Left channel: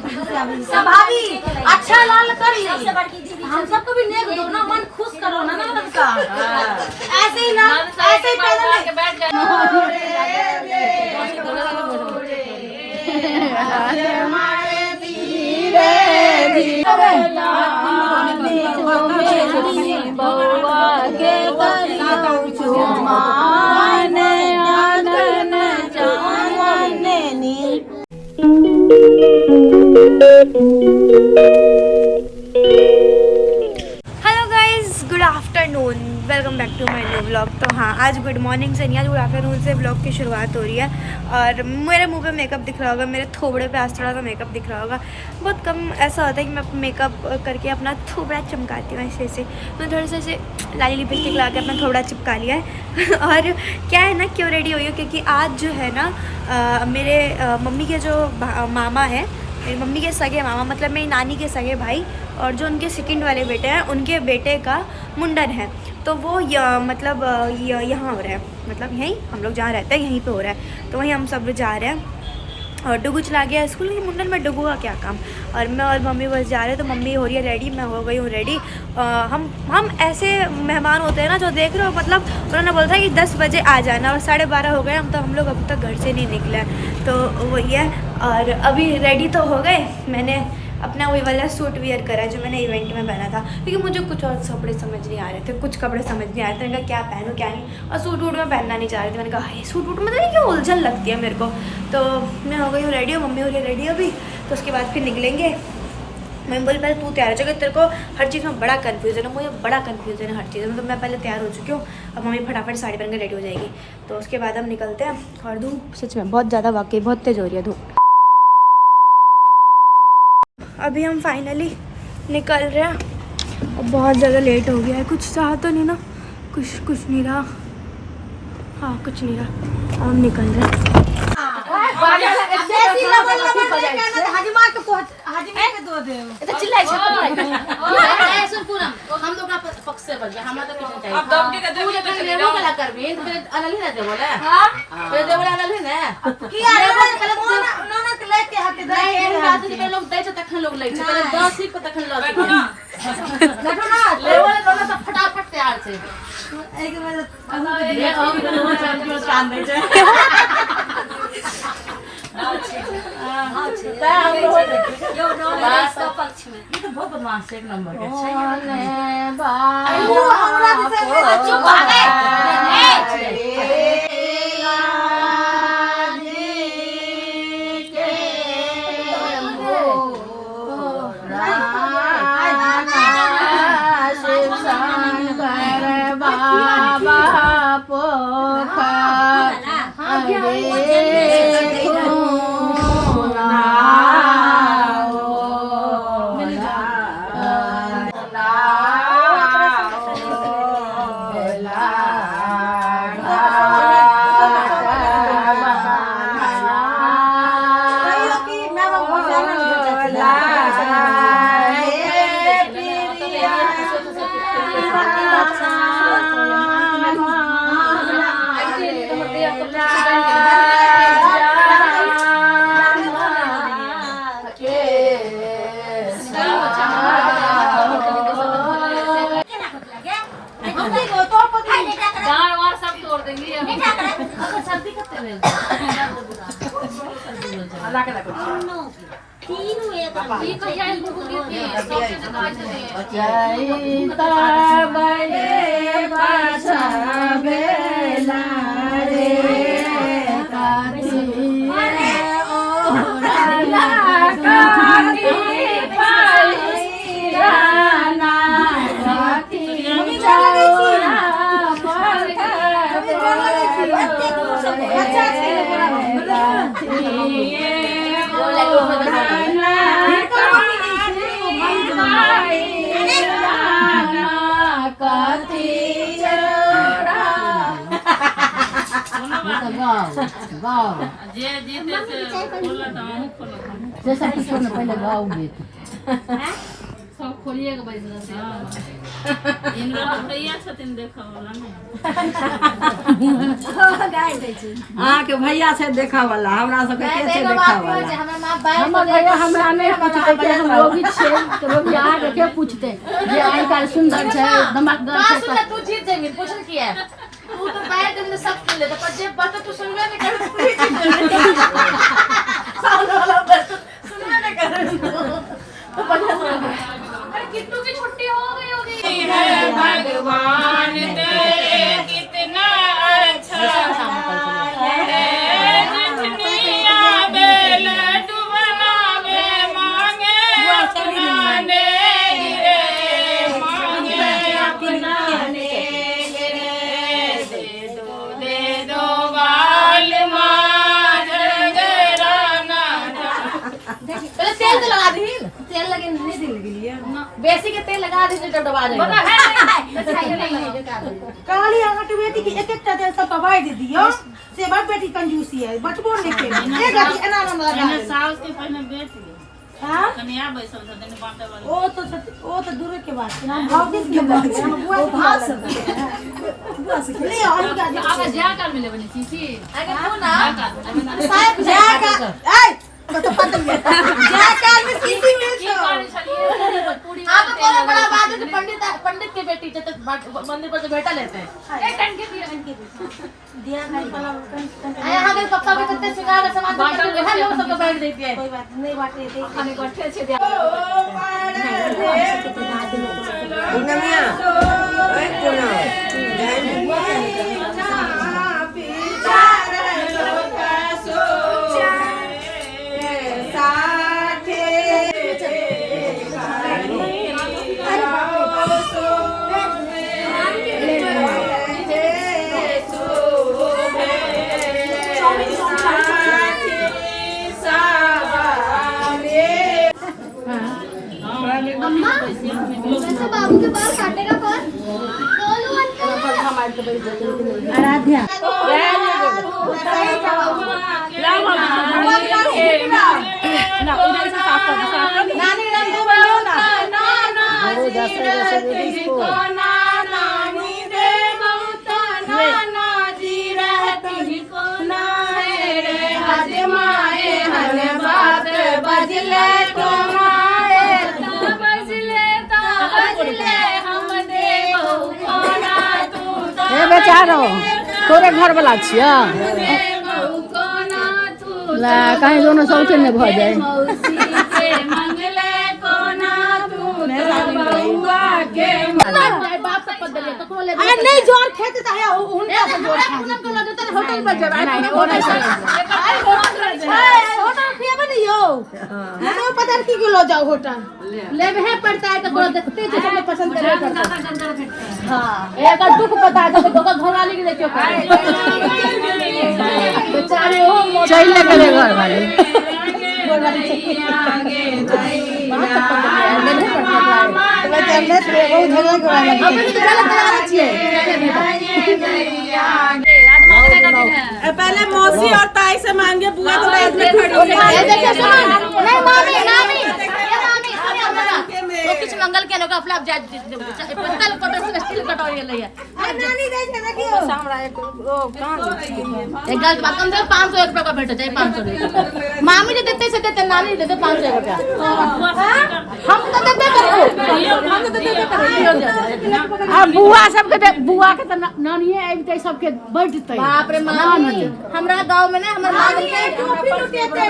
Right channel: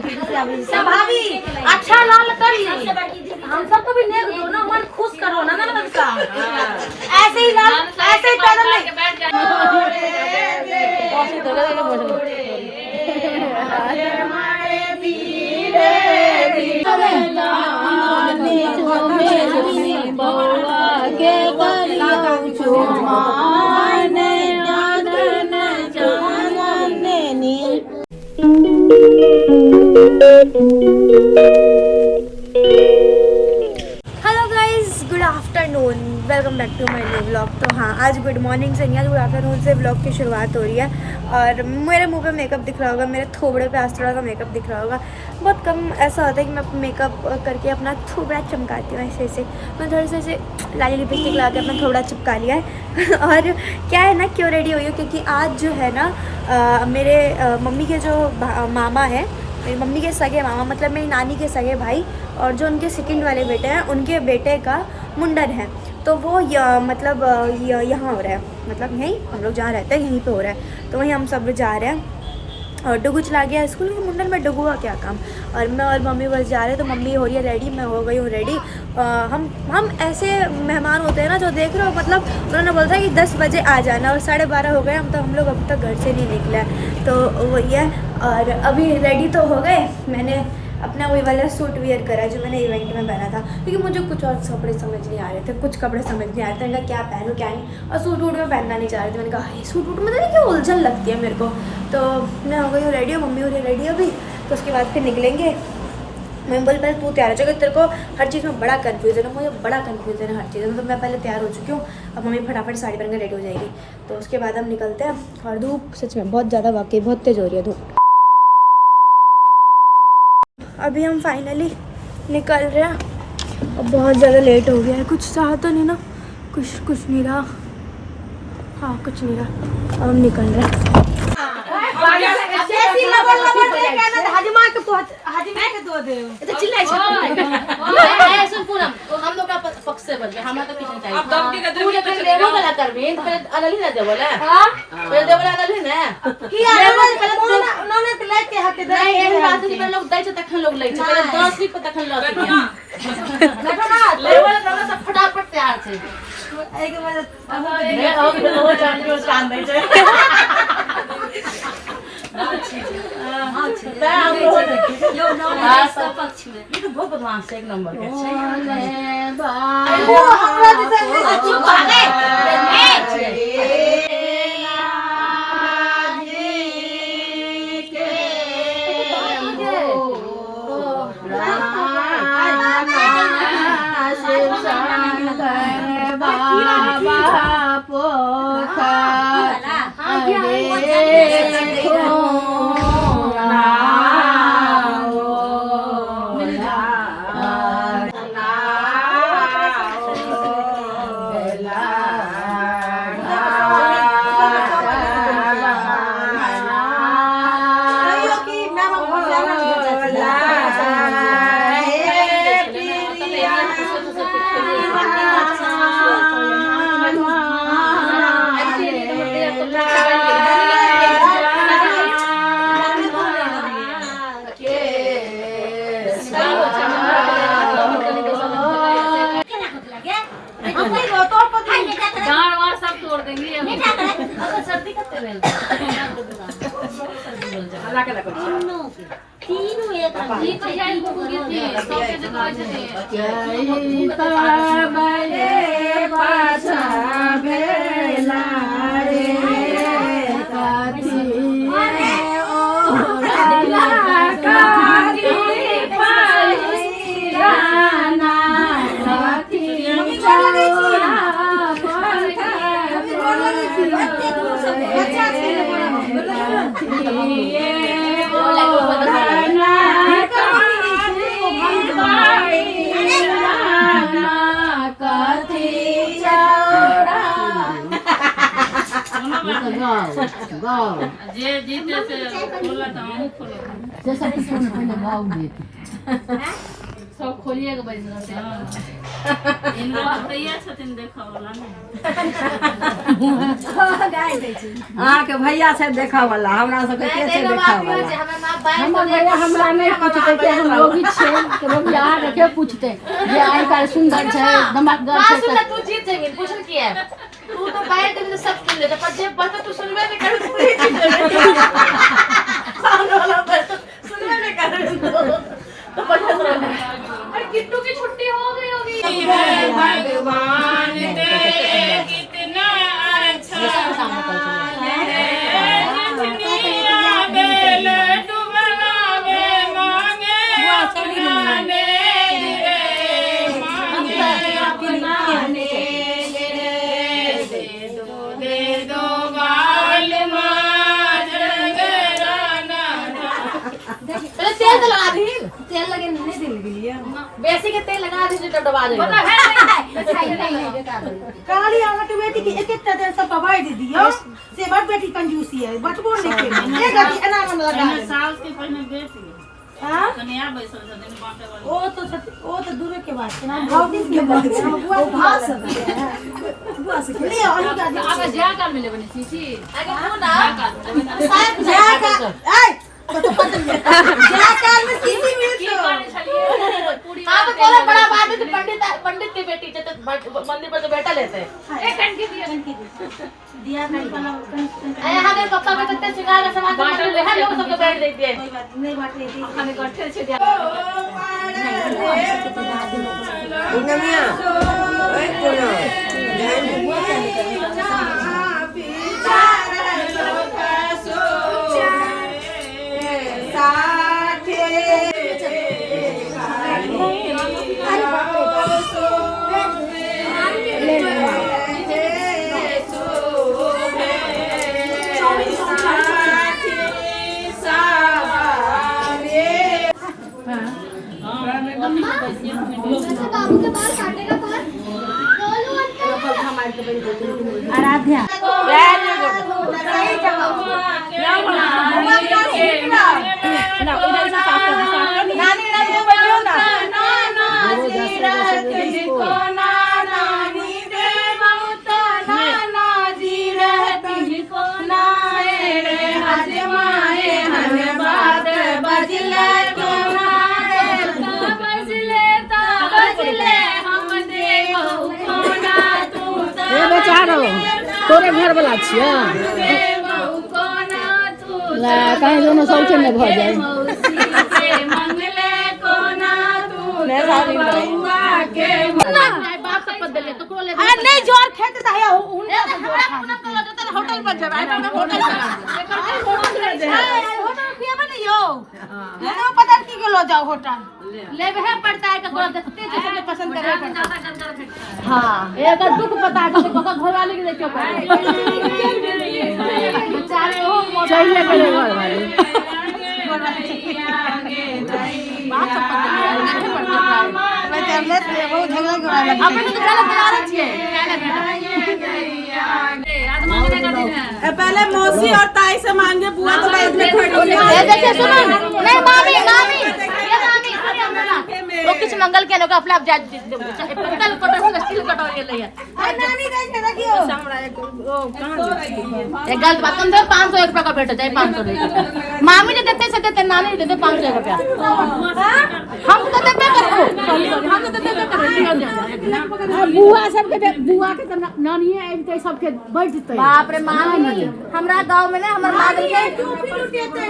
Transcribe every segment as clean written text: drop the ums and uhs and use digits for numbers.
भाभी अच्छा लाल कर ली, हम सबको भी नेक दो ना, मन खुश करो ना ननद का। ऐसे ही लाल, ऐसे ही पैदल बैठ जाए। Hello guys, good afternoon, welcome back to my new vlog. तो हाँ, आज गुड मॉर्निंग से नहीं, आज गुड आफ्टरनून से व्लॉग की शुरुआत हो रही है। और मेरे मुंह पे मेकअप दिख रहा होगा, मेरे थोबड़े पे आज थोड़ा सा मेकअप दिख रहा होगा। बहुत कम ऐसा होता है कि मैं मेकअप करके अपना थोबड़ा चमकाती हूँ ऐसे। मैं थोड़ा सा ऐसे लाली लिपस्टिक ला के अपना थोबड़ा चिपका लिया है। और क्या है ना, क्यों रेडी हुई हूँ, क्योंकि आज जो है ना मेरे मम्मी के जो मामा है, मेरी मम्मी के सगे मामा, मतलब मेरी नानी के सगे भाई, और जो उनके सेकंड वाले बेटे हैं, उनके बेटे का मुंडन है। तो वो मतलब यहाँ हो रहा है, मतलब यहीं हम लोग जहाँ रहते हैं यहीं पे हो रहा है। तो वहीं हम सब जा रहे हैं। और डुगू चला गया स्कूल के, मुंडन में डुगू का क्या काम। और मैं और मम्मी बस जा रहे हैं। तो मम्मी हो रही है रेडी, मैं हो गई हूँ रेडी। हम ऐसे मेहमान होते हैं ना जो देख रहे हो, मतलब उन्होंने बोला था कि 10 बजे आ जाना, और 12:30 हो गए। हम लोग अभी तक घर से नहीं निकले हैं। तो वही है। और अभी रेडी तो हो गए। मैंने अपना वही वाला सूट वियर करा जो मैंने इवेंट में पहना था, क्योंकि मुझे कुछ और कपड़े समझ नहीं आ रहे थे, कुछ कपड़े समझ नहीं आ रहे थे। मैंने कहा क्या पहनूँ क्या नहीं, और सूट वूट में पहनना नहीं चाह रही थी। मैंने कहा ये सूट वूट में तो नहीं, क्यों उलझन लगती है मेरे को। तो मैं हो गई हूँ रेडी, हूँ मम्मी हो रही रेडी अभी। तो उसके बाद फिर निकलेंगे। मैं बोली पहले तू तैयार हो जाएगा, तेरे को हर चीज़ में बड़ा कन्फ्यूजन है, मुझे बड़ा कन्फ्यूजन है हर चीज़ में। तो मैं पहले तैयार हो चुकी हूँ, अब मम्मी फटाफट साड़ी पहन के रेडी हो जाएगी। तो उसके बाद हम निकलते हैं। और धूप सच में बहुत ज़्यादा, वाकई बहुत तेज़ हो रही है धूप। अभी हम फाइनली निकल रहे हैं, और बहुत ज़्यादा लेट हो गया है। कुछ रहा तो नहीं ना, कुछ नहीं रहा। हाँ, कुछ नहीं रहा। अब हम निकल रहे हैं। हम लोग का पक्ष से बन गया, हमारा तो कुछ नहीं चाहिए। तू जब लेबो वाला करबी तो फिर अनल ही ना दे बोले। हां फिर दे बोला अनल ही ना की लेबो पहले नोने के लेके हटे दे। नहीं एक बात से पहले लोग दै छ तखन लोग लै छ, पहले 10 रुपए तखन लग गया। देखो ना लेबो वाला सब फटाफट तैयार छे। एक मतलब ले आओ कि तो हो जाने को काम नहीं छै। ये तो बहुत बदमाश है, एक नंबर के जे जीते से खोला था, हम खोला था। जैसा किसी ने पहले गाँव गीत सब खोलिए के बैठ रहा। इनका तो भैया छथिन देखा वाला नहीं। हां के भैया से देखा वाला, हमरा सब के से देखा वाला। हम भैया हमरा नहीं पूछते कि हम लोग ही छे तो लोग यहाँ रखे पूछते जे आई का सुंदर है धमाकेदार बात है सुन तू जीत जाएगी पूछ किया है तू तो बैठ के सब सुन लेता पर जब बात तू सुनबे नहीं कर तू ही जीत गई सामने वाला बात सुनबे नहीं कर तो बढ़िया सुन अरे किट्टू की छुट्टी हो गई होगी भगवान तेरे कितना अच्छा है दुनिया बेल डुबना में मांगे अपनाने रे मांगे अपनाने दे दो बाल मार गराना पहले तेल तो लगा दी तेल लगे नहीं दिल के लिए बेसी के तेल लगा दी जब दबा जाएगा काली आंगट बेटी की एक एक तेल सब पवाई दे दियो से बड़ बेटी कंजूसी है बटबो नहीं के एक गति अनाना में लगा दे साल के पहले बेटी हां कन्या बैसल छथिन बाटे वाला ओ तो दूर के बात है ना भौतिक के बात है बुआ भात सब बुआ से ले और का अब जा कर मिले बनी सीसी अरे तू ना साहब जा का ए तो पता नहीं जा काल में सीसी मिले तो हां तो कोला बड़ा बात है पंडित की बेटी जब मंदिर पर तो बैठा लेते हैं एक कणकी दिया नहीं वाला अरे आगे पक्का में कितने सिखा का समाज बांट ले हम लोग सबको बैठ देती है कोई बात नहीं बात नहीं हमें बैठे से दिया नमिया ओए कोना बाबू के बाल काटेगा कौन? आराध्या ना इधर से साफ कर बेचारो तोरे घर वाला छिया कहीं दोनों सौचे में भ जाए नहीं जोर खेते तो है होटल पर जाए होटल खियाबे नहीं हो ना पता की लो जाओ होटल लेवे पड़ता है तो देखते जो हमें पसंद करना पड़ता है हां एक दुख पता है तो धोखा धोना नहीं ले क्यों बेचारे हो चाहिए करे घर वाले पहले मौसी और ताई से मांगे बुआ तो बाद में खड़ी वो कुछ मंगल के नोका फ्लैप जा पत्तल पत्तल स्टील कटवाई ले नानी गई थे ना क्यों एक गल बात कम से 500 रुपए का भेट जाए 500 मामी ने देते से देते नानी देते 500 रुपया हम तो देते अब बुआ सबके बुआ के त नानी आइ के सबके बैठते बाप रे मामी हमरा गांव में ना हमर मामी के टोपी लुटेते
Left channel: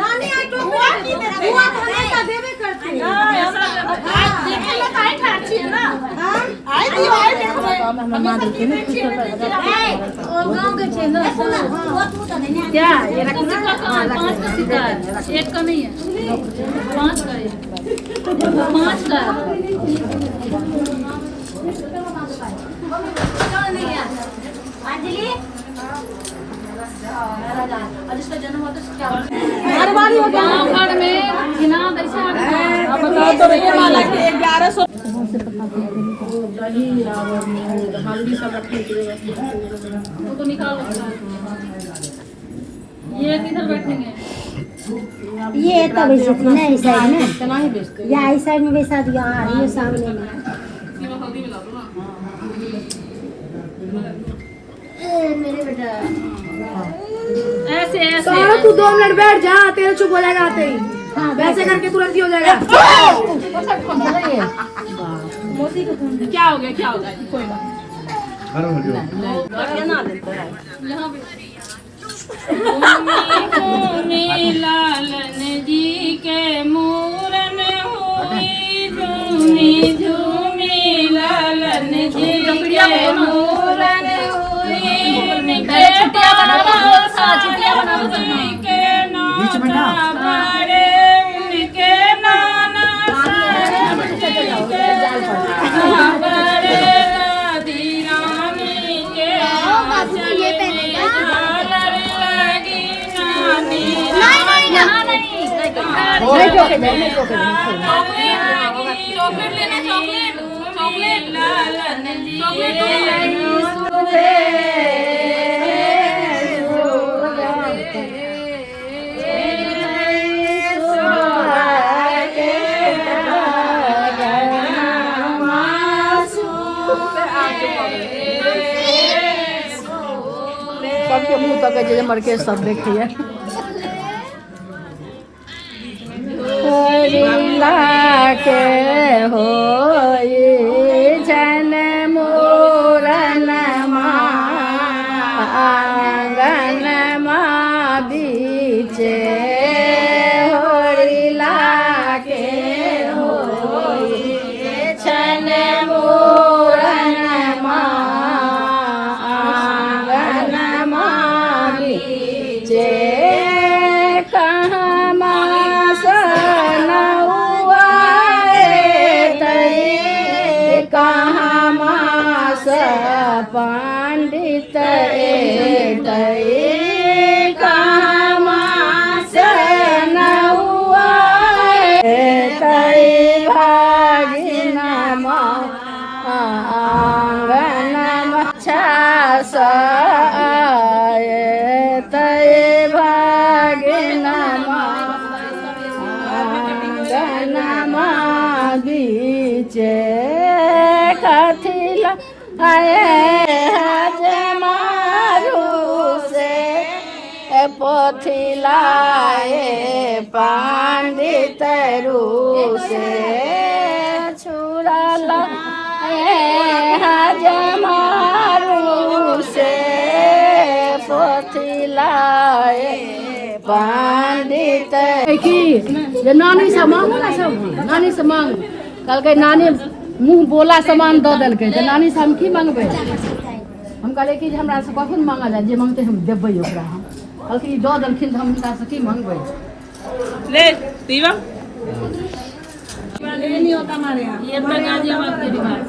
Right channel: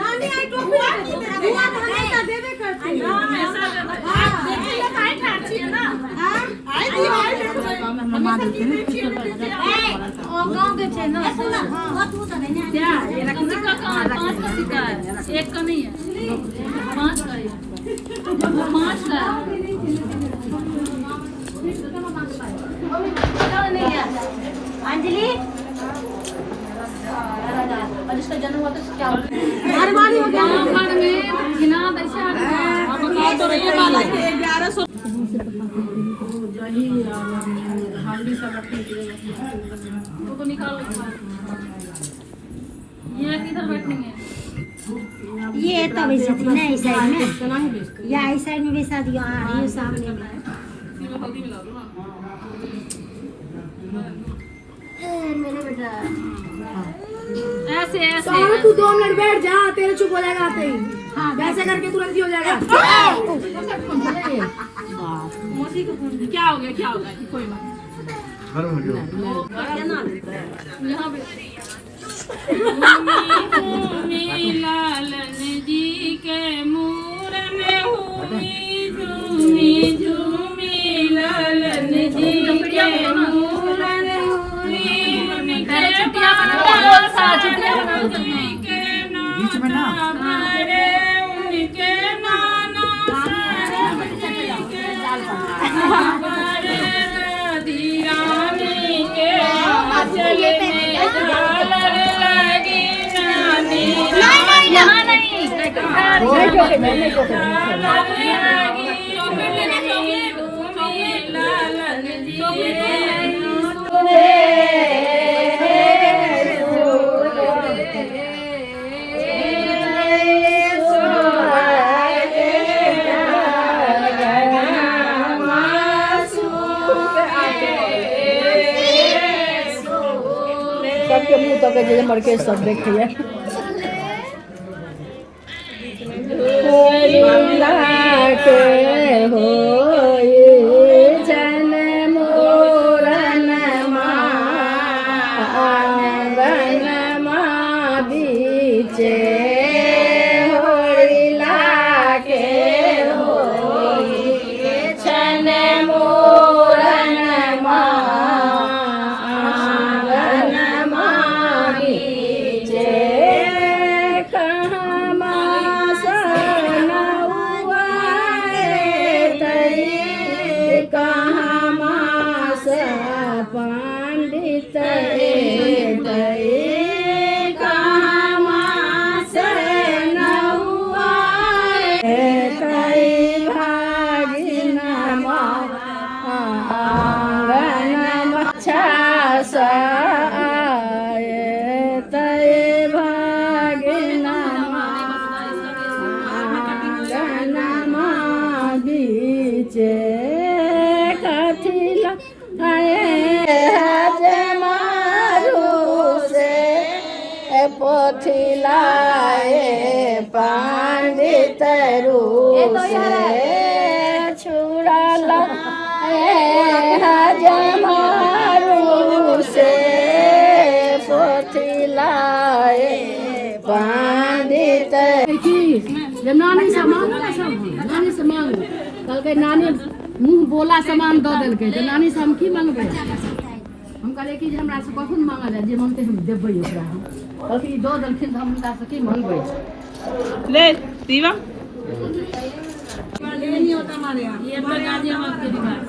नानी आई टोपी बुआ तो हमेशा देवे करती है देखे ला काहे ठाची है ना आई दी आई देखो हम मार के नहीं ओ गांव के छे ना वो तू तो नहीं क्या ये रख सिक्का कहाँ 5 का सिक्का है एक का नहीं है 5 का है 5 का अंजलि और इसका जन्म हुआ तो क्या घरवाली हो गया गांव घर में बिना पैसा तो ये वाला के 1100 हल्दी सब रखने के लिए वो तो निकाल ये किधर बैठेंगे ये तो वैसे थी ना इस साइड में या इस साइड में वैसा दिया ये सामने में हल्दी मिला दो ना मेरे बेटा ऐसे ऐसे तो तू 2 मिनट बैठ जा, तेरे चुप हो जाएगा आते ही। वैसे करके तुरंत ही हो जाएगा। क्या हो गया कोई बात लालन जी के मूरन हुई झूमी झूमी लालन जी के मूरन हुई उनके नाना बड़े उनके नाना बड़े दादी रानी के यहाँ नहीं सबके मुंह तक जे मर के सब देखिए। हो जन मोरन आंगन बीचे होरिला के हो छन मोरन आंगन बीचे कहाँ मासन हुआ कहाँ मास पंडित कहाँ मास न हुआ भागिन आंगन छास भागिन आंगन बीचे कथिला हज मारू से पोथिलाए पंडित रू से छुड़ाला हज मारू से पोथिलाए पंडित की जे नानी से मांगू ना सब नानी से मांगू कल के नानी मुंह बोला सामान दऽ देलकै तऽ नानी से हम की मांगबै। हम कहलिए कि जे हमरा से कखन मांगा जाए जे मांगते हम देबै ओकरा। हम कहलकै दऽ देलखिन तऽ हम हुनका से की मांगबै। ले दीवा नहीं होता हमारे यहाँ ये पर गाजियाबाद के रिवाज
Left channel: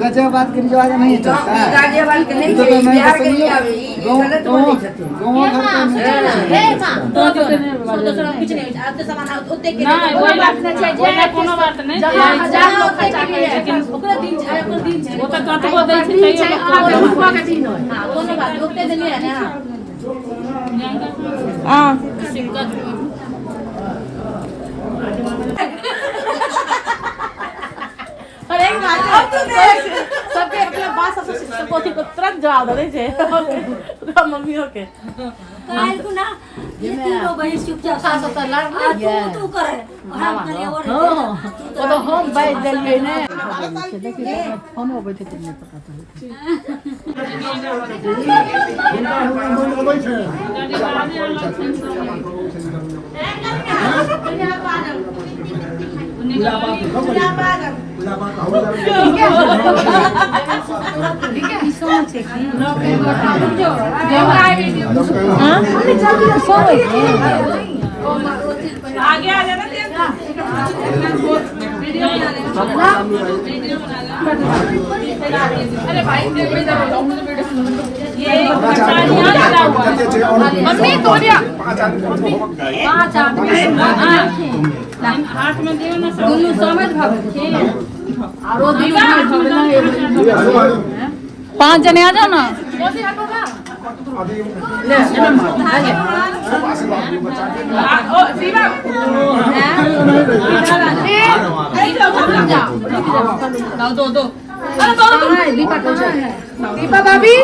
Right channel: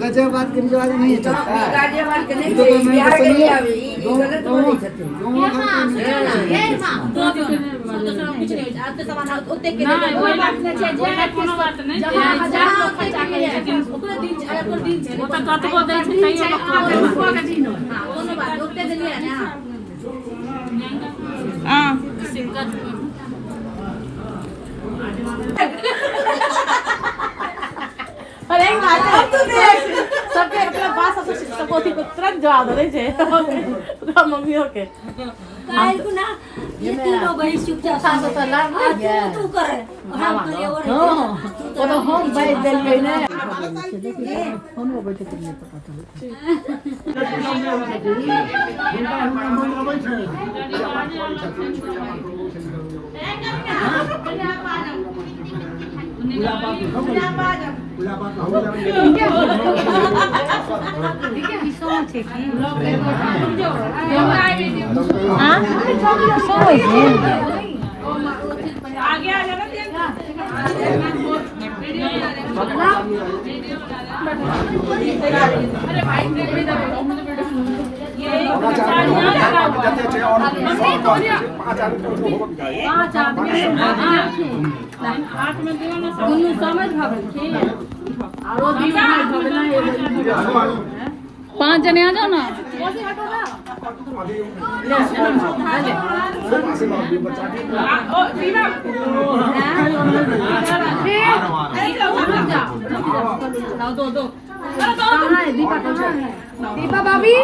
गाजियाबाद के रिवाज नहीं चलता। गाजियाबाद के नहीं तो मैं सुनिए गांव घर पे ना वही ना कोनो बात नहीं लेकिन वो तो कतबो दै छै तैयो रुपया के दिन होय हां कोनो बात ओते दिन है ना हां सिंगल अरे सबके अपने बात सब पोथी को तुरंत जवाब दे छे मम्मी के काहे को ना ये तीनों बहन चुपचाप सास तो लाग गया तू करे हम करे और हां वो तो हम बैठ देलिए ने देखिए फोन हो बैठे तो नहीं पता चल आगे आ जाना अरे भाई मम्मी तोरिया 5 आदमी 8 में दियो ना दुनु समझ भागे छी और दीवा 5 जने आ जाओ ना ले आगे ओ दीवा लाओ दो दीपा भाभी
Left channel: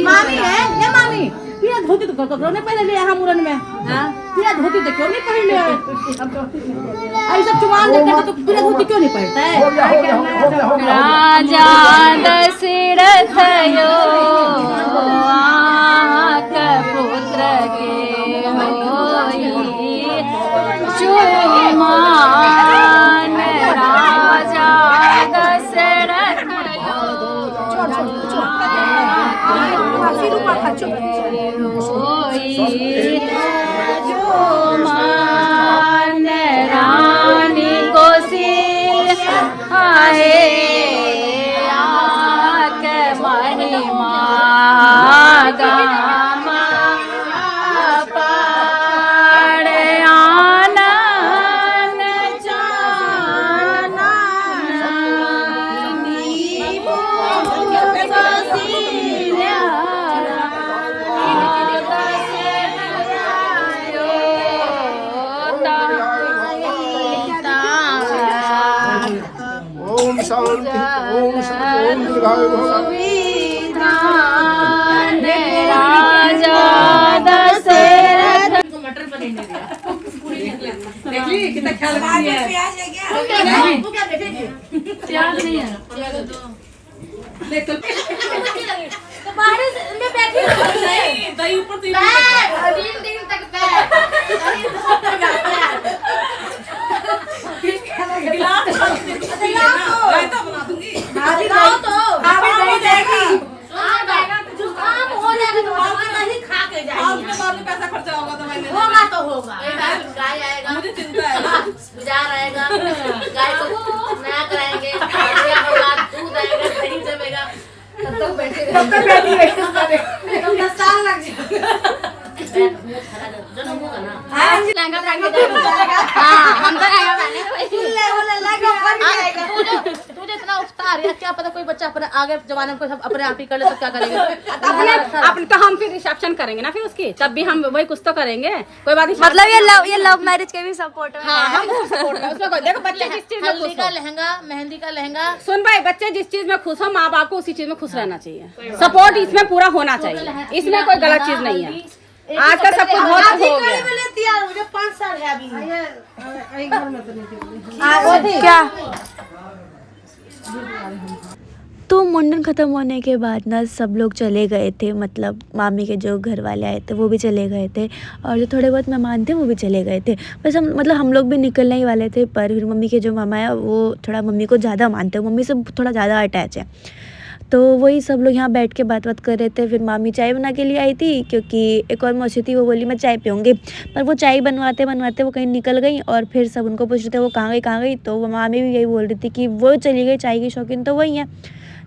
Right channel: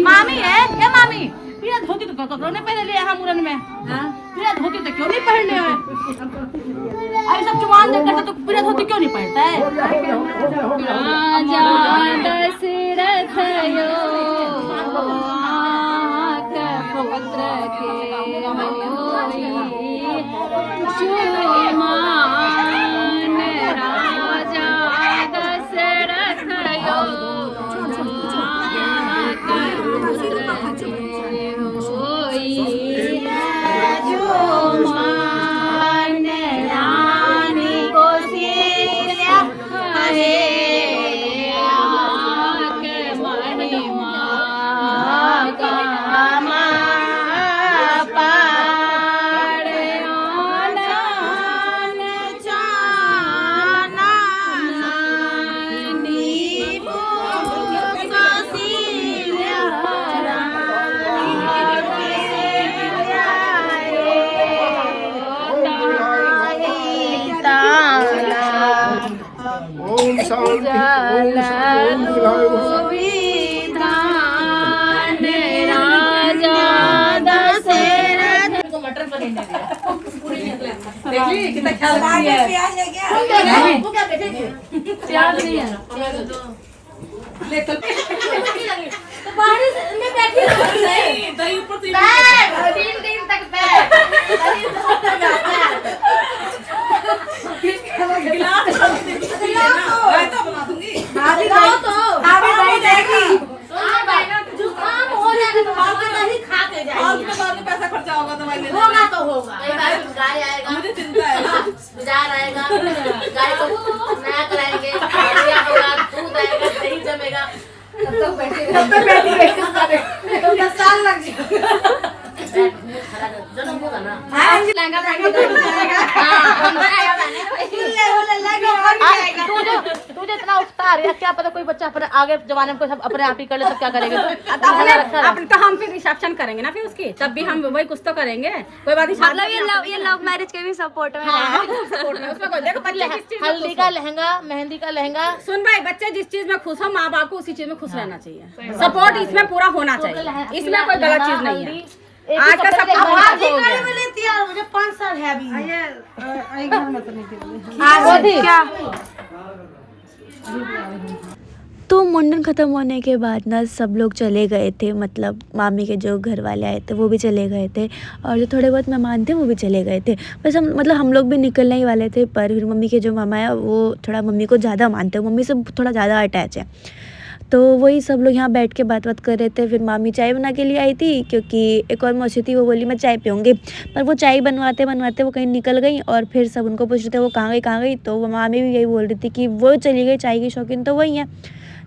मामी है क्या मामी पिया धोती तो कपड़ों ने पहन लिया हम मुरन में पिया धोती तो क्यों नहीं पहन लिया ऐसा सब जुबान देखकर तो पिया धोती क्यों नहीं पहनता है राजा दशरथ यो पुत्र के मान राजा दशरथ रानी को सिर आहे आके मणि मागा पाड़े आनंद ओम शांति ओम शांति ओम दीर्घायु भव मटर पनीर ने दिया देखली कितना ख्याल रखती है प्याज है क्या वो क्या देखेगी प्याज नहीं है ले तो बाहर में बैठी नहीं दही ऊपर से दिन दिन तक गिलास रायता बना दूंगी भाभी तो भाभी नहीं देगी जुकाम हो जाने तो भाभी नहीं खा के और जाएगी उसमें बाद में पैसा खर्चा होगा दवाई लेने होगा तो होगा गाय आएगा मुझे चिंता है बाजार आएगा गाय को नया कराएंगे होगा दूध आएगा दही जमेगा तब तक बैठेगा तो 10 साल लग जाएगा जन्म होगा ना लहंगा पहन के जाएगा तुझे इतना उकता रही है क्या पता कोई बच्चा अपने आगे जमाने में सब अपने आप ही कर ले तो क्या करेगा अपन तो हम फिर रिसेप्शन करेंगे ना फिर उसकी तब भी हम वही कुछ तो करेंगे कोई बात नहीं मतलब ये लव मैरिज के भी सपोर्ट में है। उसमें कोई देखो बच्चे जिस चीज में हल्दी खुश का लहंगा मेहंदी का लहंगा सुन भाई बच्चे जिस चीज में खुश हो माँ बाप को उसी चीज में खुश रहना चाहिए सपोर्ट इसमें पूरा होना चाहिए इसमें कोई गलत चीज नहीं है आज का सब कुछ हो गया मुझे 5 साल है अभी क्या तो मुंडन ख़त्म होने के बाद ना सब लोग चले गए थे, मतलब मामी के जो घर वाले आए थे वो भी चले गए थे और जो थोड़े बहुत मेहमान थे वो भी चले गए थे। बस हम लोग भी निकलने ही वाले थे, पर फिर मम्मी के जो मामा है वो थोड़ा मम्मी को ज़्यादा मानते हैं, मम्मी से थोड़ा ज़्यादा अटैच है। तो वही सब लोग यहाँ बैठ के बात कर रहे थे। फिर मामी चाय बना के लिए आई थी क्योंकि एक और मौसी थी, वो बोली मैं चाय पीऊँगी, पर वो चाय बनवाते वो कहीं निकल गई और फिर सब उनको पूछ रहे थे वो कहाँ गई। तो वो मामी भी यही बोल रही थी कि वो चली गई, चाय की शौकीन तो वही है।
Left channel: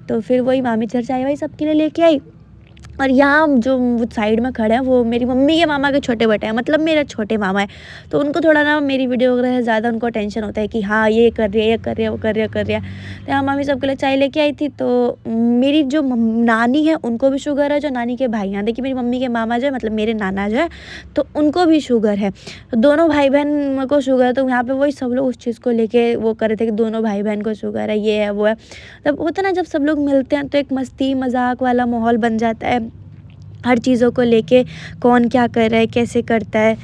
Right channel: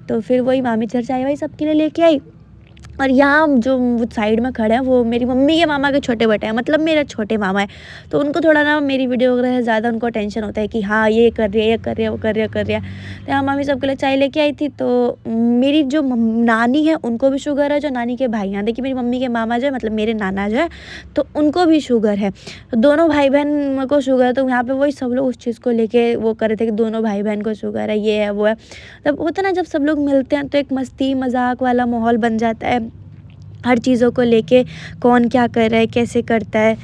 तो फिर वही मामी चाय वाई सबके लिए लेके आई। और यहाँ जो साइड में खड़े हैं वो मेरी मम्मी के मामा के छोटे बेटे हैं, मतलब मेरे छोटे मामा है। तो उनको थोड़ा ना मेरी वीडियो वगैरह से ज़्यादा उनको टेंशन होता है कि हाँ ये कर रही है वो कर रही है। तो यहाँ मामी सबके लिए चाय लेके आई थी। तो मेरी जो नानी है उनको भी शुगर है, जो नानी के भाई हैं, देखिए मेरी मम्मी के मामा जो है मतलब मेरे नाना जो है तो उनको भी शुगर है। तो दोनों भाई बहन को शुगर है। तो यहाँ पर वही सब लोग उस चीज़ को लेके वो कर रहे थे कि दोनों भाई बहन को शुगर है, ये है वो है। तब होता ना जब सब लोग मिलते हैं तो एक मस्ती मजाक वाला माहौल बन जाता है, हर चीज़ों को लेके कौन क्या कर रहा है कैसे करता है।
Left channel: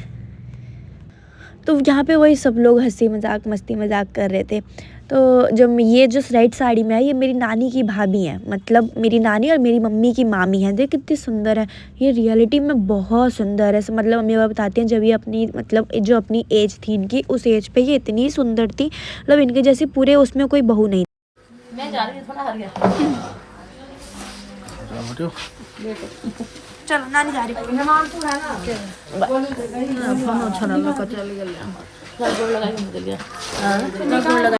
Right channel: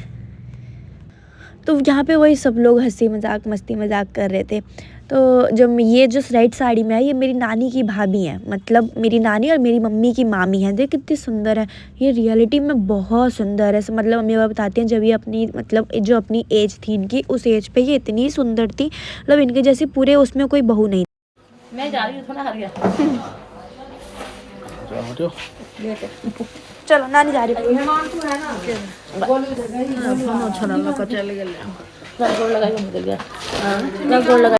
तो यहाँ पे वही सब लोग हंसी मजाक मस्ती मजाक कर रहे थे। तो जो ये जो राइट साड़ी में है ये मेरी नानी की भाभी है, मतलब मेरी नानी और मेरी मम्मी की मामी है। देख कितनी सुंदर है, ये रियलिटी में बहुत सुंदर है। मतलब मम्मी बाबा बताती हैं जब ये अपनी मतलब जो अपनी एज थी इनकी, उस एज पे ये इतनी सुंदर थी, मतलब इनके जैसी पूरे उसमें कोई बहू नहीं। मैं जा रही हूँ थोड़ा हरिया। चलो नानी जा रही फोन छोड़ा चल गया।